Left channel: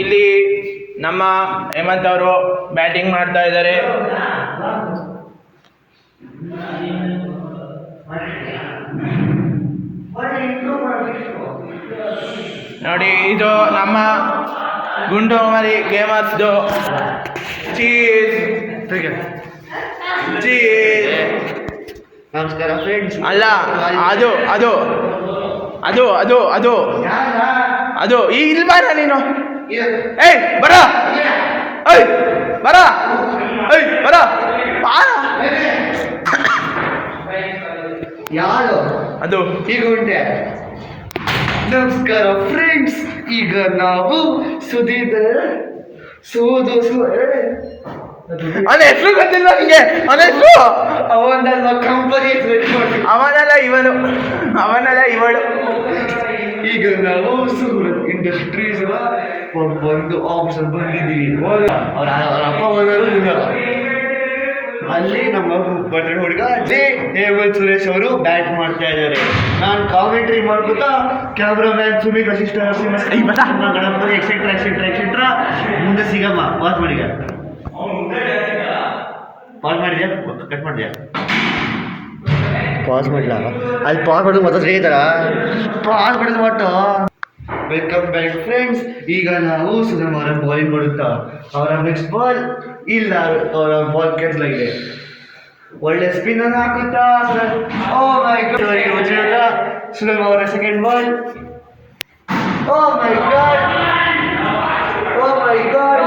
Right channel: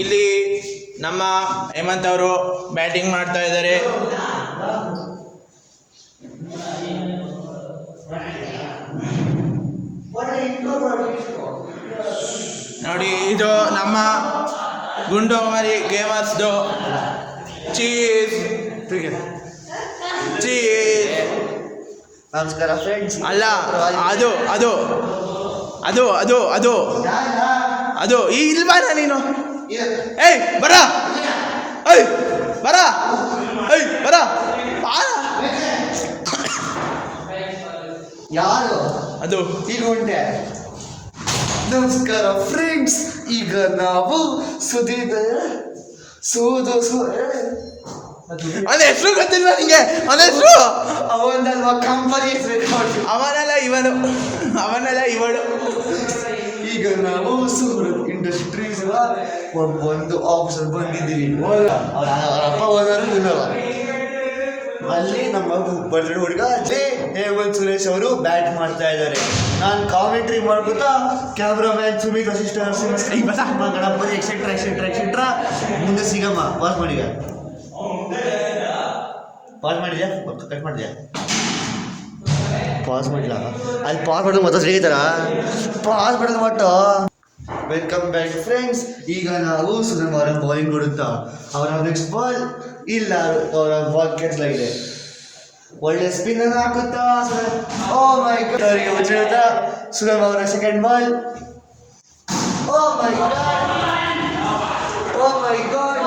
ಇಲ್ಲಿ ನಮ್ಮ ಹೇಮಂತ್ ಅವರು ಬ್ಯಾಟಿಂಗ್ ಮಾಡ್ತಾ ಇದ್ದಾರೆ. ನೋಡಿ, ಇದು ನಮ್ಮ ಗುಂಡು ಮರಿ ಗೇಮರ್ಸ್ದು ಚೀಸ್. ನಮಸ್ಕಾರ ಫ್ರೆಂಡ್ಸ್. ಅಲ್ಲ, ಅದು ಅದು ಅದು ಅದು ಅದು ಅದು ಈ ಇಲ್ಬಾರ ನೀನು. ಏಯ್ ಬರ, ಏಯ್ ಬರ, ಏಯ್ ಬರ. ಯಾರು ಅದು ಈಗ ಉಂಟೆ. ನಮಸ್ಕಾರ ಫ್ರೆಂಡ್ಸ್. ಈಗ ನಾವು ಸುದೀದ ಅದ ಹೆಸರು ಗೊತ್ತಿಲ್ಲ ನಿಂಗೆ? ಅದ ಹೆಸರು ಅವನಲ್ವ ಕಂಪನಿ ಅವನಲ್ಲ ಇವನು, ಅವನಲ್ಲ ಇವಳು. ಈಗ ನಾವು ಸೂರತ್ ಇಂಡಸ್ಟ್ರೀಸ್ ಒಂದು ಆಫೀಸಲ್ಲಿ ಬಂದಿದ್ದೀವಿ. ಅವ್ರ ಅಪ್ಪ ಹೋದರು. ಅಲ್ಲಿ ನಮ್ಮ ಬರ್ತಾರೆ ಹುಡುಗ ಅದೇ ಹೇಮಂತ್ ಸುರೇಶ್ ಅವರು ಬ್ಯಾಟ್ ಮಾಡ್ತಾ ಇದ್ದಾರೆ. ನಾನು ಕಾಮೆಂಟ್ರಿ ಮಾಡ್ಬಿಟ್ಟು cameraman Sumit Vashishtha Ganapathi etcetera etcetera etcetera. ಮುಂದೆ ಸಿಗಮ್ಮ. ಪಾಸ್ ಮಾಡಿ, ಪಾಸ್ ಮಾಡಿದ್ಯಾ? ಕಟ್ ಮಾಡಿದ್ಯಾ? ಪಾಸ್ ಮಾಡಿಲ್ಲ. ಅಲ್ಲಿ ಪಾಸ್ ಮಾಡಿದ್ರೆ ಮತ್ತೆ ಸಿಗೈತಾರ. ಪಾಸ್ ಮಾಡಿದ್ರೆ ಒಟ್ಟು. Welcome back friends. ಈಗ ನಾವು ಸುಧನ್ ಅವರ ಬೌಲಿಂಗ್ ಕೊಡುತ್ತಾ ಅವರ ನೆಕ್ಸ್ಟ್ ಬಾಲ್ ಇಲ್ಲ, ಅವರ ಬಾಲ್ ಕ್ಯಾನ್ಸಲ್ ಆಗಿದೆ. ಒಳ್ಳೆ ಸ್ಪಿನ್ ಅನ್ನು ಹಾಕುತ್ತಾ ಓ ಮೈ ಗಾಡ್ ಸುಧನ್ ಅವರ ಸೆಕೆಂಡ್ ಬಾಲ್. ಓ ಮೈ ಗಾಡ್, ಓ ಮೈ ಗಾಡ್.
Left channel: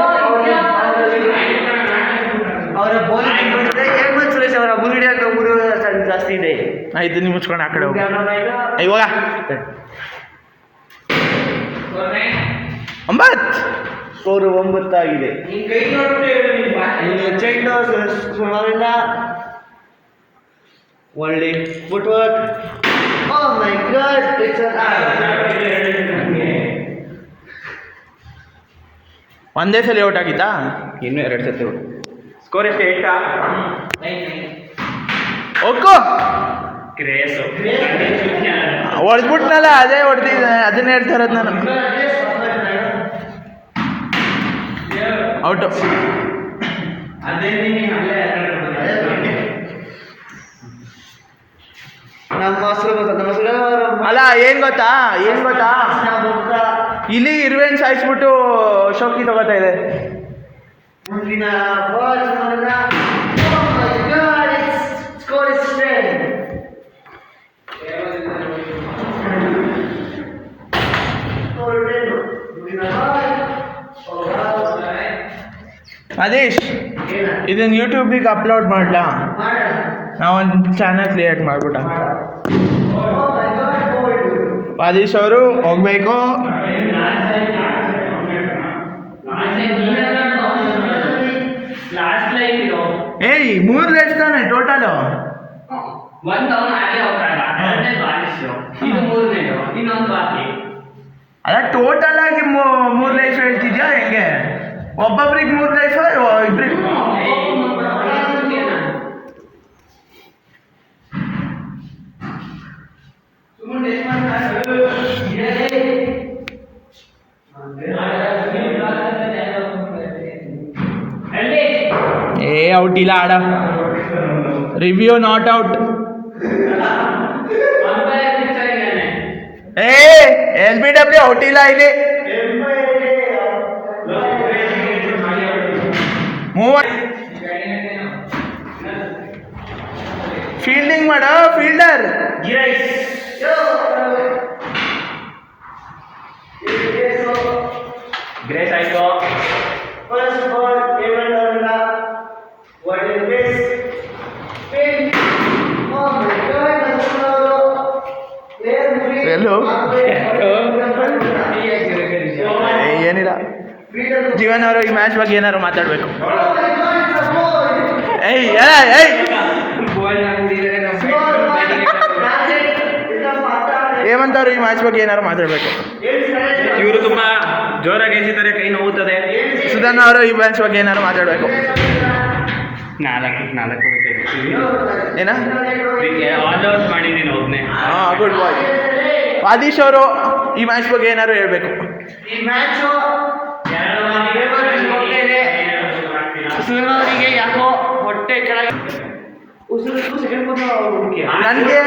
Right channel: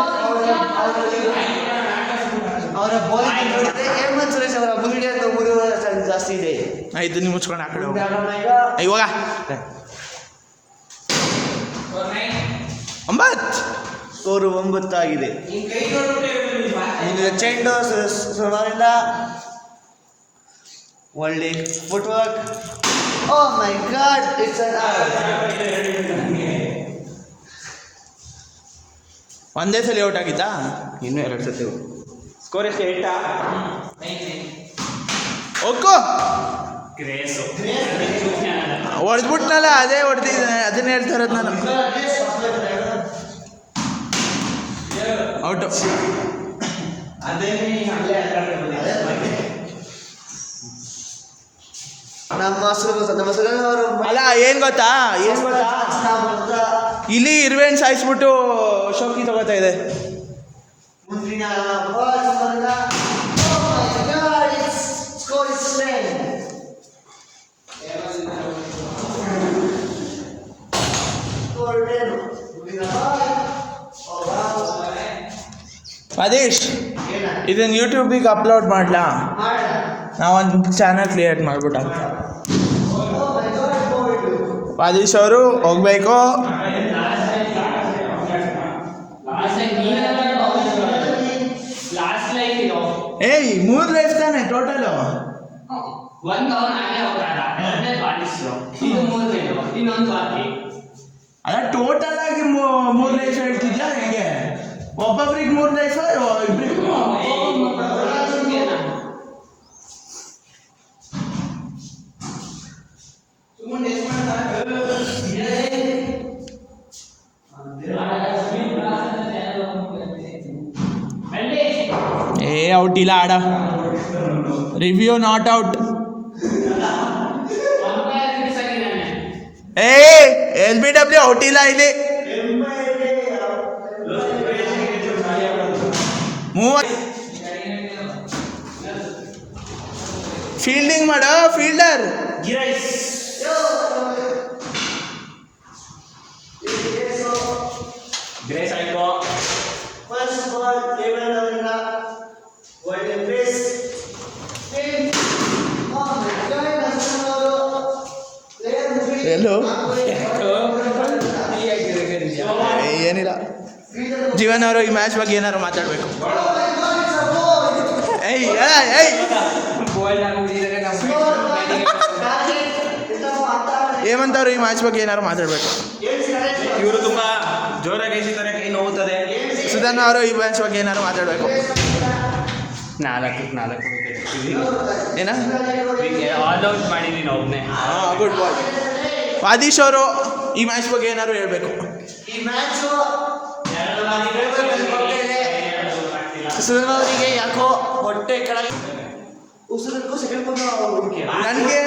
ಅವರ ಬೌಲಿಂಗ್ ನೋಡಿದ್ರೆ ಹೇಮಂತ್ ಸುರೇಶ್ ಅವರ ಮುರುಡಿ ಅಂತ ಜಾಸ್ತಿ ಇದೆ. ಇದನ್ನ ಮುಚ್ಕೊಂಡು ಆ ಕಡೆ ಹೋಗಿ ಇವಾಗ 9 ಸ್ಕೋರ್ 9 ಆಗಿದೆ. ಚೆಂಡು ಸವಾಲಿಲ್ಲ. ಒಳ್ಳೆ ಫುಟ್ವರ್ಕ್. ಓ ಮೈ ಗಾಡ್, ಒಂದೇ ಸಲ ಔಟ್ ಆಗಿತ್ತಾ? ಇನ್ನೂ 2 ಸತಿ. ಸ್ಕೋರ್ ಎಷ್ಟು? 8. ಒಕ್ಕೋ ಹೊಡೆದ್ಬಿಟ್ನಲ್ಲ, ಅದೇ ಹೊಡೆದಿದ್ದಾನೆ. ಅದನ್ನ ಹೇಳ್ತಾ ಇರೋದು ನಾನು. ಔಟು. ಅಲ್ಲ, ಏನು ಗೊತ್ತಾ ಇಲ್ಲಿ ಇರುವೆನ್ ಸಾಯಿಸ್ಬಿಟ್ಟು ಶೋಕಿ ತಗೋತಾ ಇದೆ. ಮುಂದಿನ ಮದೇಶ್, ಇದನ್ನ ಯೂಟ್ಯೂಬಿಗೆ ಅಪ್ಲೋಡ್ ಮಾಡಲಾ? ನಾವೊಂದು ಚಾನಲ್ ಕ್ರಿಯೇಟ್ ಮಾಡ್ಬಿಟ್ಟ ಅಂತ. ಮದೇಶ್ ಅವರು ಹೋಗ್ಬೇಕು. ಏಯ್ 3 ರೇಸ್ ತಾನೆ ಟೋಟಲು? ಅಲ್ಲ, ಟೋಟಲ್ ಆಗಿ 3 ರೇಸ್ ಹೇಳ್ತಿದ್ಯಾ ಹೆಂಗೆ? ಒಬ್ಬೊಬ್ರಿಗೆ 3 ರೇಸ್, ಇಬ್ರಿಗೆ? ಔಟ್ ಇಲ್ಲ ಆಡ. Review not out. SBW out ಇಲ್ಲ ಇಲ್ಲಿ. ಫೀಲ್ಡಿಂಗ್ ಮಾಡೋ ಫೀಲ್ಡರ್. ಗ್ರೇಸ್ ಆಯ್ತು. ಫಸ್ಟ್ ಬಾಲ್ ಫೇವರ್ ಅವರ ವರ್ಡ್ ಪ್ಲೇಸ್. ಓ ಮೈ ಗಾಡ್, ಎಲ್ಲೋ ಏನಿಲ್ಲ. ಜೀವನ್ ಅವರು ಈ ಮ್ಯಾಚ್ ಬಗ್ಗೆ ಏನಾದ್ರು ಮಾತಾಡಬೇಕು. ಹೇಮಂತ್ ಅವರು ಈ ಮ್ಯಾಚ್ ಬಗ್ಗೆ ಏನಾದ್ರು ಮಾತಾಡಬೇಕು. ಇವರು ತುಂಬಾ ಜೋರಾಗಿ ಎಸಿದರೆ ಕೈ ನೋವುತ್ತದೆ. ಸುಧನ್ ಅವರು ಈ ಮ್ಯಾಚ್ ಬಗ್ಗೆ ಏನಾದ್ರು ಮಾತಾಡಬೇಕು. 4 ವಿಕೆಟ್ ಏನ ಆಲ್ ಔಟ್ ಮಾಡಿದ್ದೀನಿ ಒಬ್ಬನೇ. ಗುಡ್ ಬಾಯ್. ಆದೀಶ್ ಅವರು ಈ ಮ್ಯಾಚ್ ಬಗ್ಗೆ ಏನಾದ್ರು ಹೇಳ್ಬೇಕು. ಈ ಮ್ಯಾಚ್ ಸುಧನ್ ಅವರಿಗೆ ಯಾಕೋ ಹೊಟ್ಟೆ ಕೆಳಗೆ ಉಸಿರು ಸೆಕೆಂಡ್ ಹುಡುಕಿ ನನಗೆ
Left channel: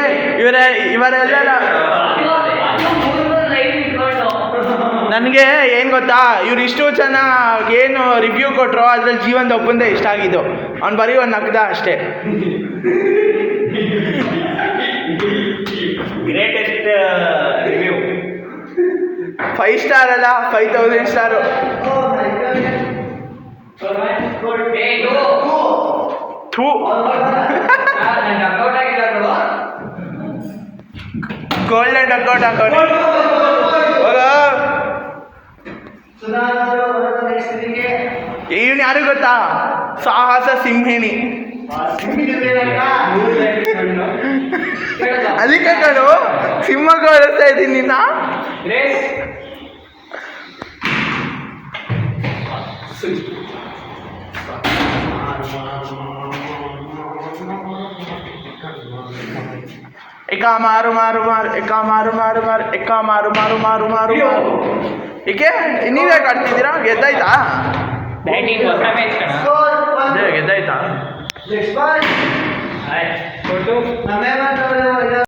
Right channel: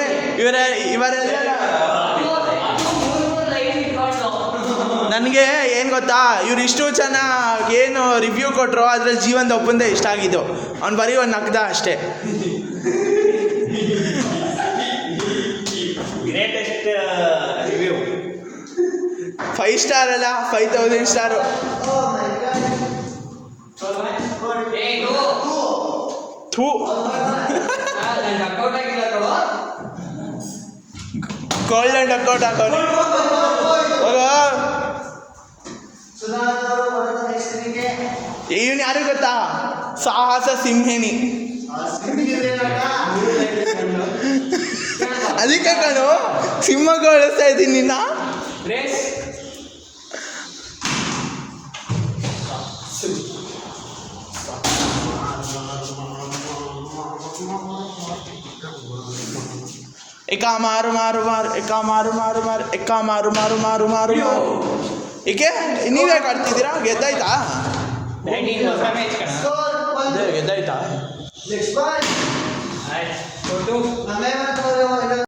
ಇವರೆಲ್ಲ ನನಗೆ ಏನು ಗೊತ್ತಾ, ಇವ್ರು ಇಷ್ಟು ಚೆನ್ನಾಗಿ ಏನು ರಿವ್ಯೂ ಕೊಟ್ಟರು, ಅದ್ರಲ್ಲಿ ಜೀವನದ ಒಪ್ಪಂದ ಇಷ್ಟ ಆಗಿದ್ದು. ಅವ್ನು ಬರೀ ಒಂದು ನಗ್ದ ಅಷ್ಟೇ. ಗ್ರೇಟೆಸ್ಟ್ ರಿವ್ಯೂ 5 ಸ್ಟಾರ್ ಅಲ್ಲ, 5000 ಸ್ಟಾರು. ಥೂ, ಗೋಲ್ಡನ್ ಅಕೌಂಟ್ ಹಾಕೋಣ. ಇವನು ಯಾರು ಗೊತ್ತಾ? ಸಾಹಸ ಸಿಂಹಿಣಿ. ಅದಕ್ಕೆ ಕಣು ಸಿಂಹಕ್ಕೆ ಓಡಿಸ್ತಾ ಇದ್ದೀನಿ ನಿನ್ನ. ಎಕ್ಕ ಮಾರು ಮಾರು ಮಾರು, ಎಕ್ಕ ಮಾರು ಮಾರು ಮಾರು, ಎಕ್ಕ ಮಾರು ಮಾರು ಮಾರು ಮಾರು ಮಾರು. ಏಕೆ ನೀವೇ ಆಡ್ತಿದ್ದೀರಾ? ಗೆದ್ದಾಯ್ತಾ? ಬ್ಯಾಟಿಂಗ್ ಹೊಸ ಮ್ಯಾಚ್ ಕಣ. ಗೆದ್ದಾಯ್ತಾ? Next ball ನಮ್ಮೇಮಂತವ್ರು